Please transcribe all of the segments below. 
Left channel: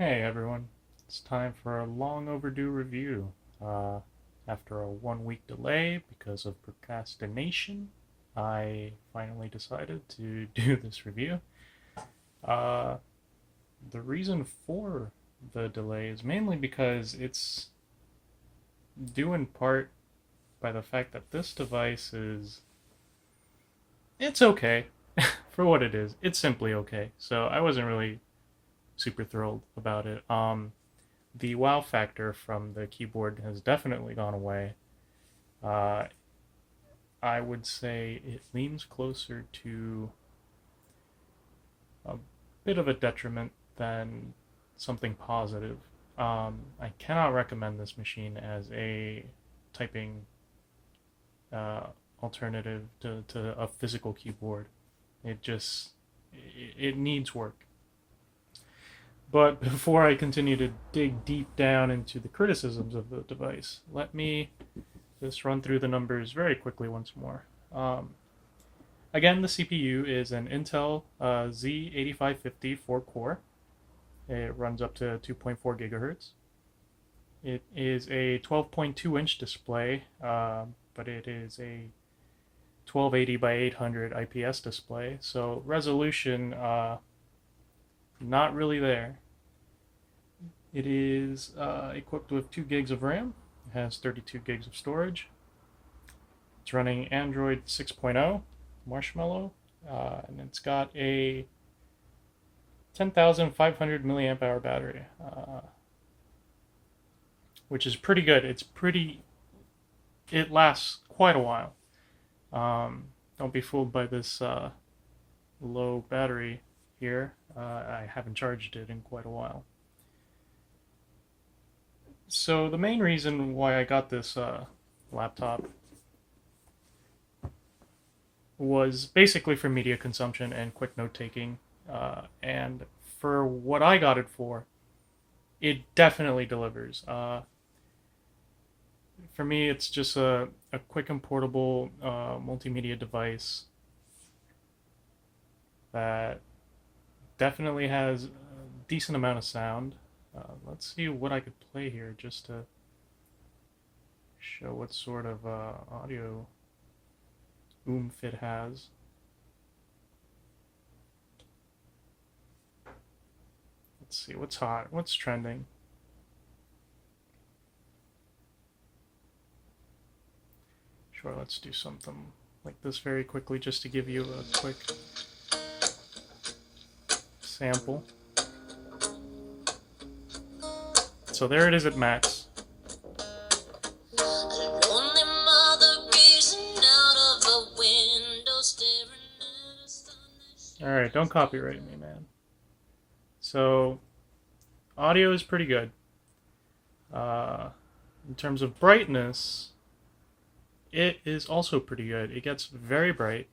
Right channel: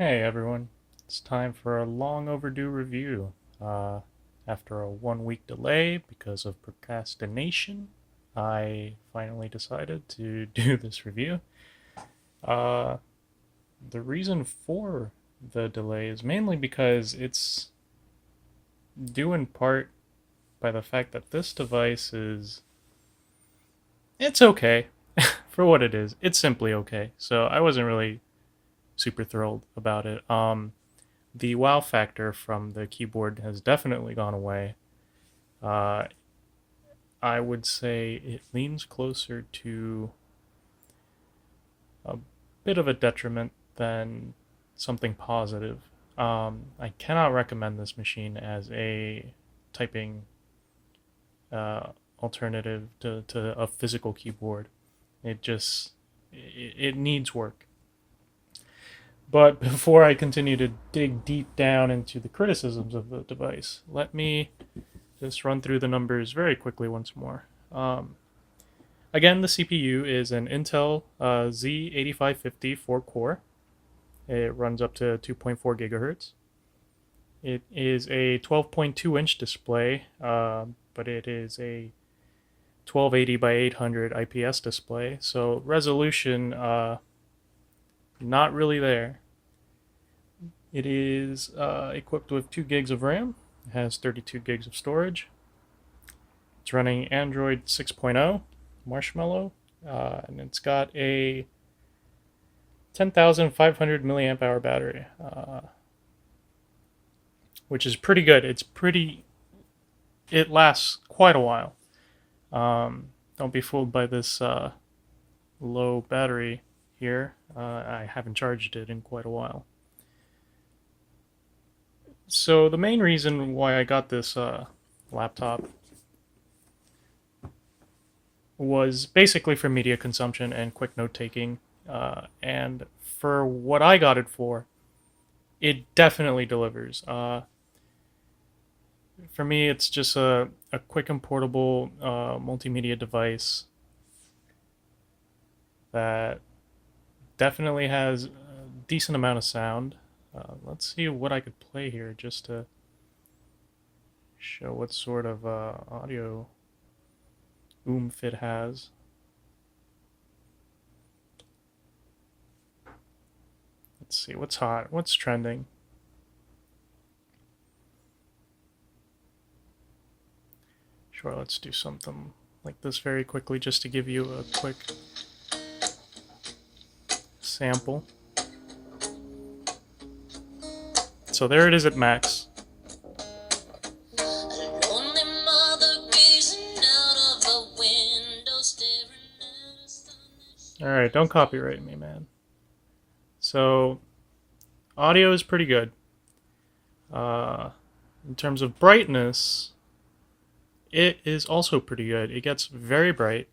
Hey everyone, it's time for a long overdue review. After a 1 week delay because of procrastination, I finally decided to do this review. Uh, the reason for the delay is mainly because it's due in part by the fact that this device it's okay for what it is. It's simply okay. So I wasn't really super thrilled about it. The wow factor from the keyboard has definitely gone away. Uh, I would say it leans closer to a bit of a detriment than something positive. I cannot recommend this machine as a typing uh, alternative to a physical keyboard. It needs work. But before I continue to dig deep down into the criticisms of the device, let me just run through the numbers very quickly once more. Again, the CPU is an Intel Z8550 4-core. It runs up to 2.4 gigahertz. It is a 12.2-inch display, but it is a 1280 by 800 IPS display, so resolution not really there. It is equipped with 2 gigs of RAM. It has 32 gigs of storage. It's running Android 6.0 Marshmallow, and it's got a 10,500 milliamp hour battery, which is pretty good. It lasts quite a while. Don't be fooled by this low battery here. I haven't charged it in quite a while. So the main reason why I got this laptop was basically for media consumption and quick note taking. And for what I got it for, it definitely delivers. For me, it's just a quick and portable multimedia device that definitely has a decent amount of sound. Let's see what I could play here just to show what sort of audio oomph it has. Let's see what's hot, what's trending. Sure, let's do something like this very quickly just to give you a quick sample. So there it is at max. Alright, don't copyright me, man. So, audio is pretty good. Uh, in terms of brightness, it is also pretty good. It gets very bright.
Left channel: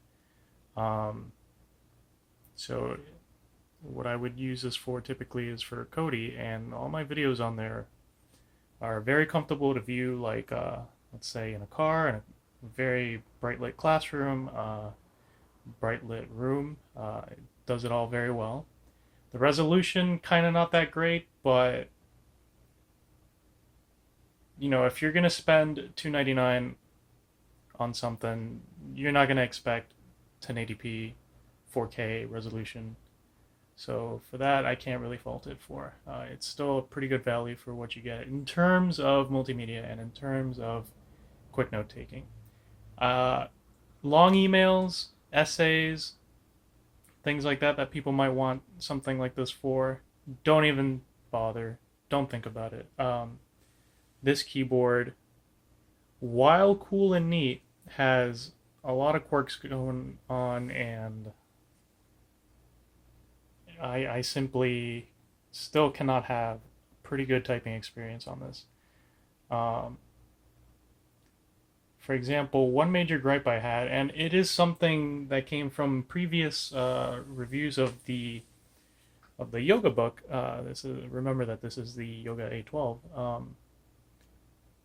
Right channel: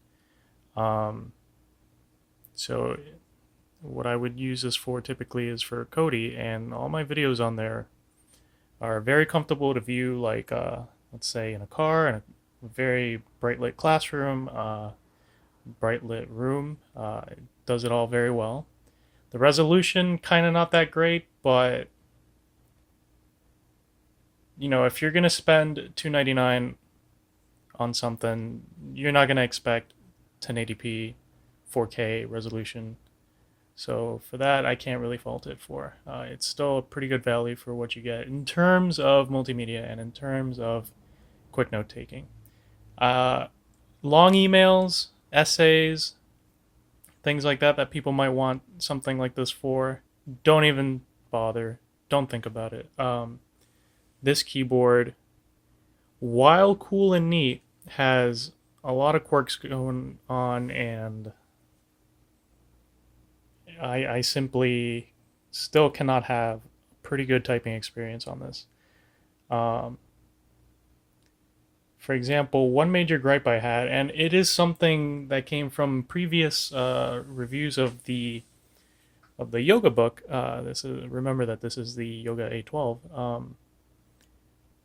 Um, so, what I would use this for typically is for Kodi, and all my videos on there are very comfortable to view, like, let's say, in a car, in a very bright lit classroom, bright lit room. It does it all very well. The resolution kind of not that great, but if you're gonna spend $299 on something, you're not gonna expect 1080p 4K resolution. So for that, I can't really fault it for. It's still a pretty good value for what you get in terms of multimedia and in terms of quick note taking. Uh, Long emails, essays, things like that people might want something like this for, don't even bother. Don't think about it. This keyboard, while cool and neat, has a lot of quirks going on, and I simply still cannot have pretty good typing experience on this. Um, for example, one major gripe I had, and it is something that came from previous reviews of the yoga book. This is remember that this is the Yoga A12.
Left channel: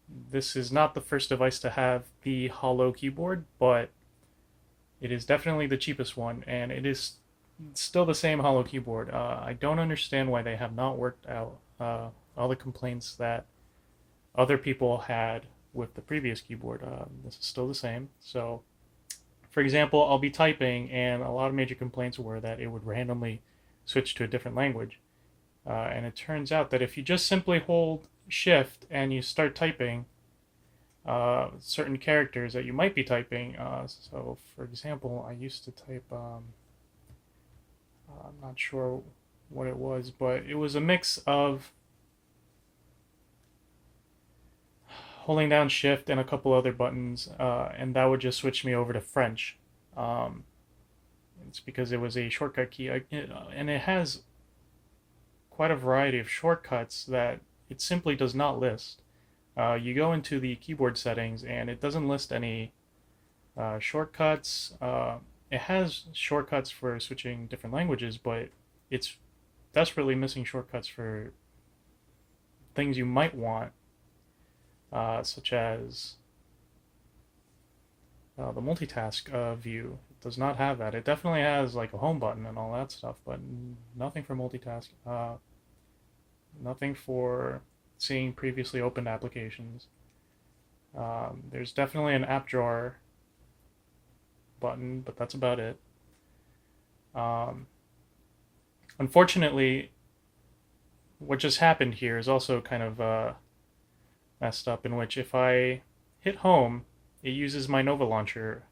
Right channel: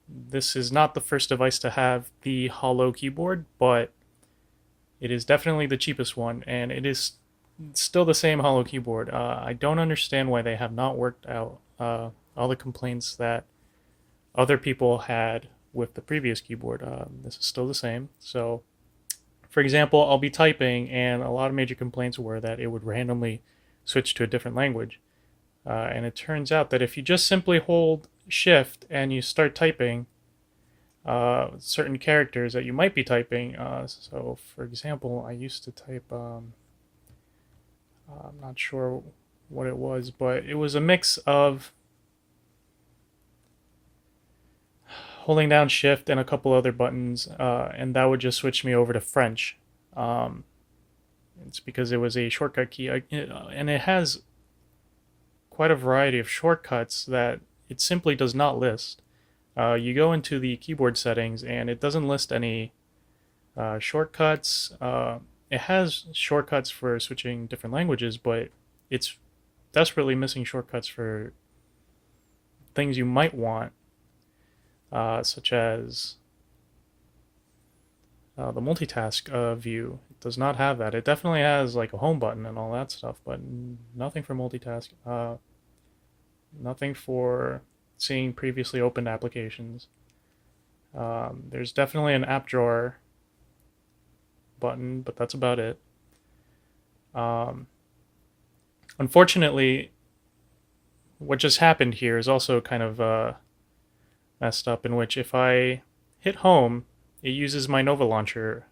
This is not the first device to have the hollow keyboard, but it is definitely the cheapest one, and it is It's still the same hollow keyboard. I don't understand why they have not worked out all the complaints that other people had with the previous keyboard. This is still the same. So, for example, I'll be typing, and a lot of major complaints were that it would randomly switch to a different language. And it turns out that if you just simply hold Shift and you start typing certain characters that you might be typing, so for example, I used to type, I'm not sure what it was, but it was a mix of holding down Shift and a couple other buttons, and that would just switch me over to French. Um, it's because it was a shortcut key, and it has quite a variety of shortcuts that it simply does not list. You go into the keyboard settings, and it doesn't list any shortcuts. It has shortcuts for switching different languages, but it's desperately missing shortcuts for things you might want, such as the multitask view. It does not have that. It definitely has like a home button and all that stuff, but nothing for multitask. Nothing for seeing previously opened applications. There's definitely an app drawer button, but that's about it. Um, Unfortunately, what just happened here is also kind of messed up, in which if I hit home, it uses my Nova launcher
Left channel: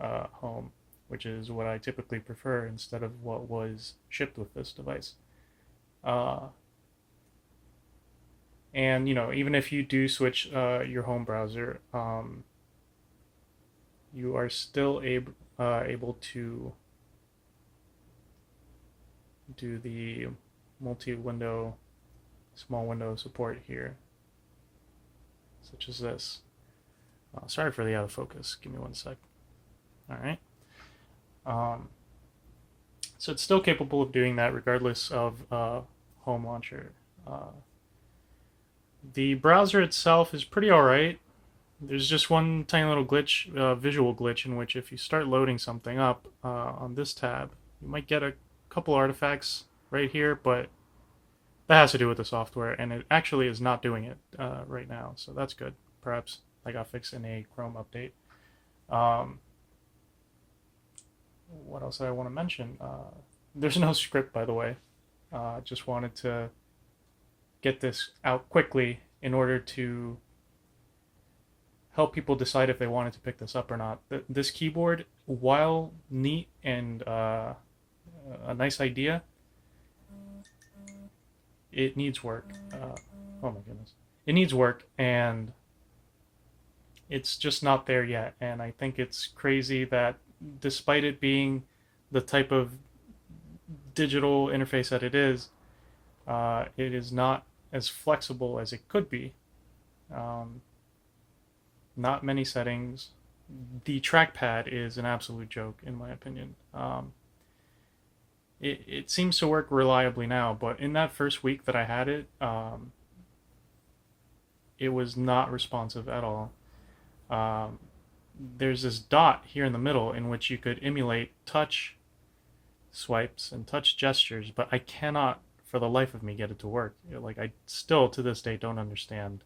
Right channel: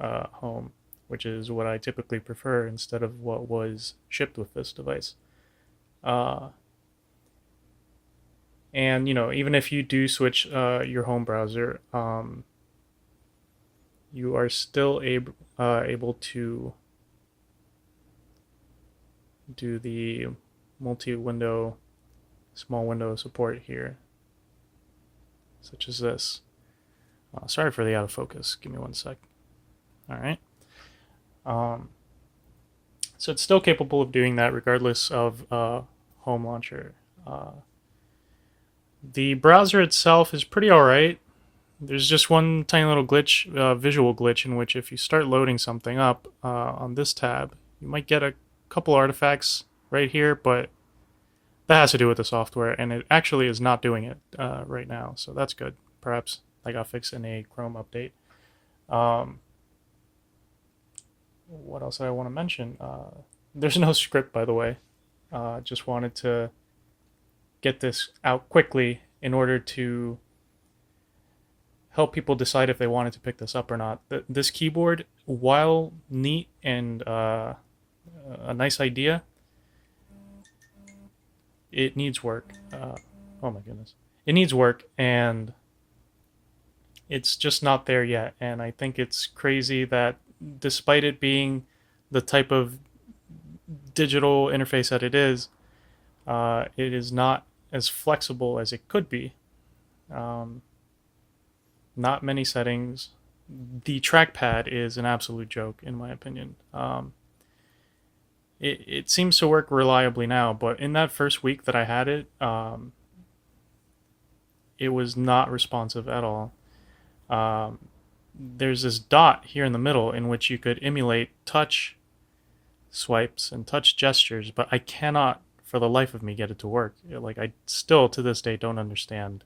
home, which is what I typically prefer instead of what was shipped with this device. Uh, and even if you do switch your home browser, you are still able to do the multi-window, small window support here, such as this. Sorry for the out of focus. Give me one sec. All right. Um, so it's still capable of doing that regardless of home launcher. The browser itself is pretty alright. There's just one tiny little glitch, visual glitch, in which if you start loading something up on this tab, you might get a couple artifacts right here, but that has to do with the software, and it actually is not doing it right now, so that's good. Perhaps that got fixed in a Chrome update. What else did I want to mention? There's no script, by the way. Just wanted to get this out quickly in order to help people decide if they wanted to pick this up or not. This keyboard, while neat and a nice idea, it needs work. Oh my goodness. It needs work, and it's just not there yet. And I think it's crazy that despite it being the type of digital interface that it is not as flexible as it could be. Not many settings. The trackpad is an absolute joke, in my opinion. It seems to work reliably now, but in that first week that I had it, it was not responsive at all. There's this dot here in the middle in which you could emulate touch swipes and touch gestures, but I cannot for the life of me get it to work. Like, I still to this day don't understand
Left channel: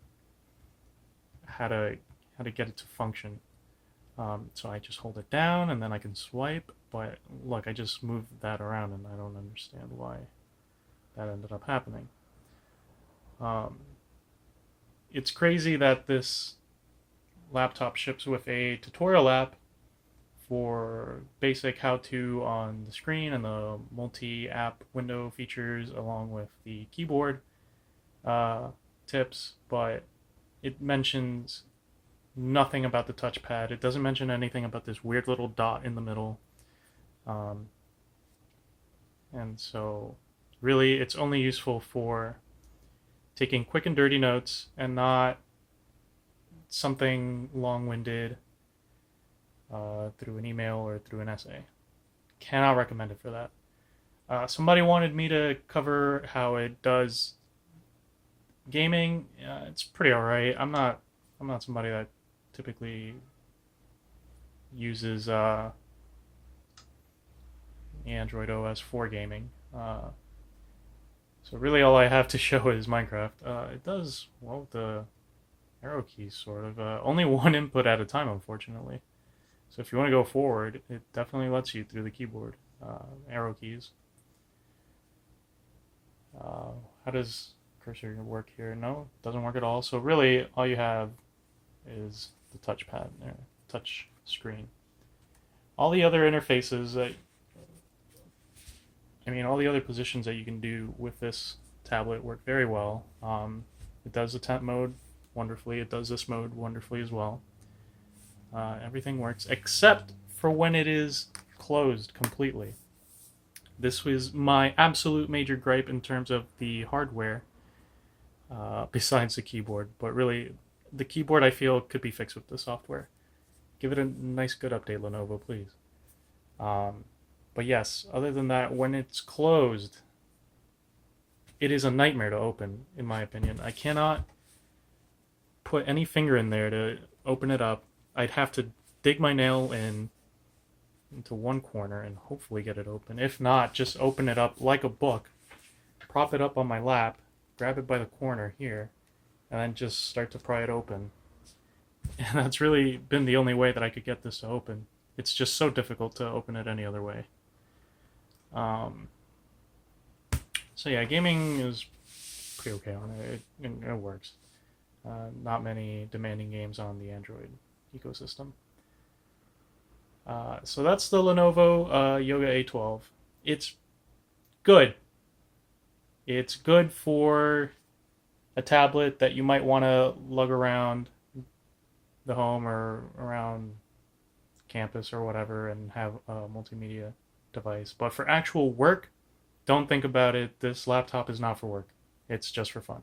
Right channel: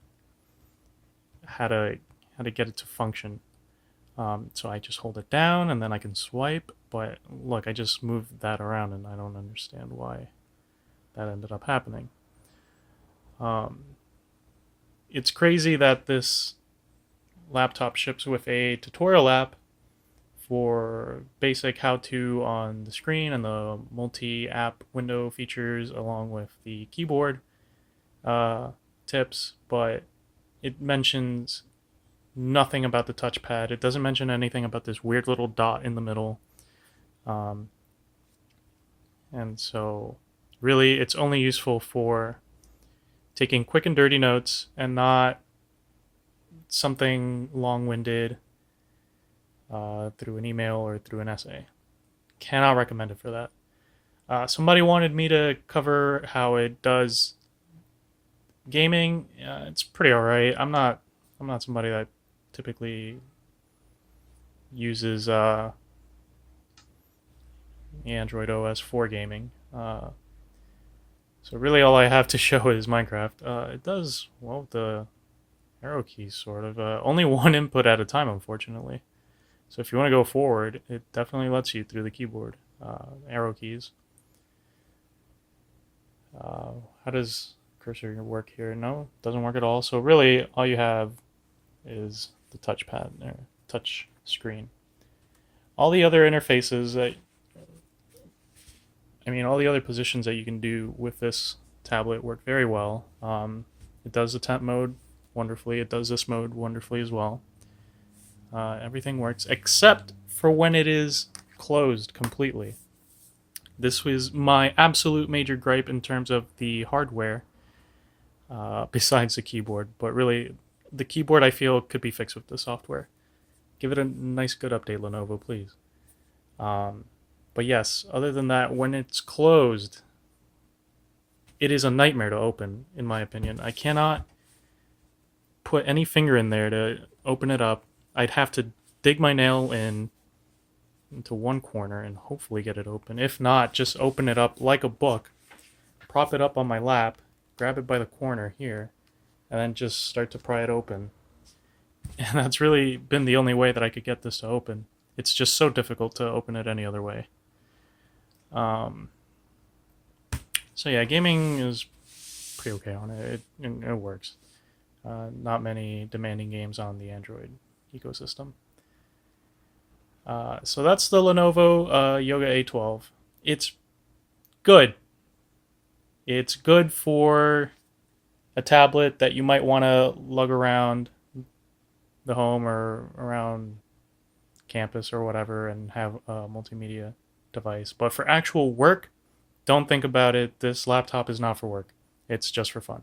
how to get it to function. So I just hold it down and then I can swipe, but look, I just moved that around and I don't understand why that ended up happening. It's crazy that this laptop ships with a tutorial app for basic how-to on the screen and the multi-app window features along with the keyboard tips, but it mentions nothing about the touchpad. It doesn't mention anything about this weird little dot in the middle. And so really it's only useful for taking quick and dirty notes and not something long-winded through an email or through an essay. Cannot recommend it for that. Somebody wanted me to cover how it does gaming. It's pretty alright. I'm not somebody that typically uses Android OS for gaming. So really all I have to show is Minecraft. It does, well, the arrow keys, sort of. Only one input at a time, unfortunately. So if you want to go forward, it definitely lets you through the keyboard. Arrow keys. How does cursor work here? No, it doesn't work at all. So really, all you have is the touchpad there, touch screen. All the other interfaces that, all the other positions that you can do with this tablet work very well. It does the temp mode wonderfully. It does this mode wonderfully as well. Everything works except for when it is closed completely. This was my absolute major gripe in terms of the hardware, besides the keyboard. But really, the keyboard I feel could be fixed with the software. Give it a nice, good update, Lenovo, please. But yes, other than that, when it's closed, it is a nightmare to open, in my opinion. I cannot put any finger in there to open it up. I'd have to dig my nail into one corner and hopefully get it open. If not, just open it up like a book, prop it up on my lap, grab it by the corner here, and then just start to pry it open. And that's really been the only way that I could get this to open. It's just so difficult to open it any other way. So yeah, gaming is pretty okay on it. It works. Not many demanding games on the Android ecosystem. So that's the Lenovo Yoga A12. It's good. It's good for a tablet that you might want to lug around the home or around campus or whatever and have a multimedia device. But for actual work, don't think about it. This laptop is not for work. It's just for fun.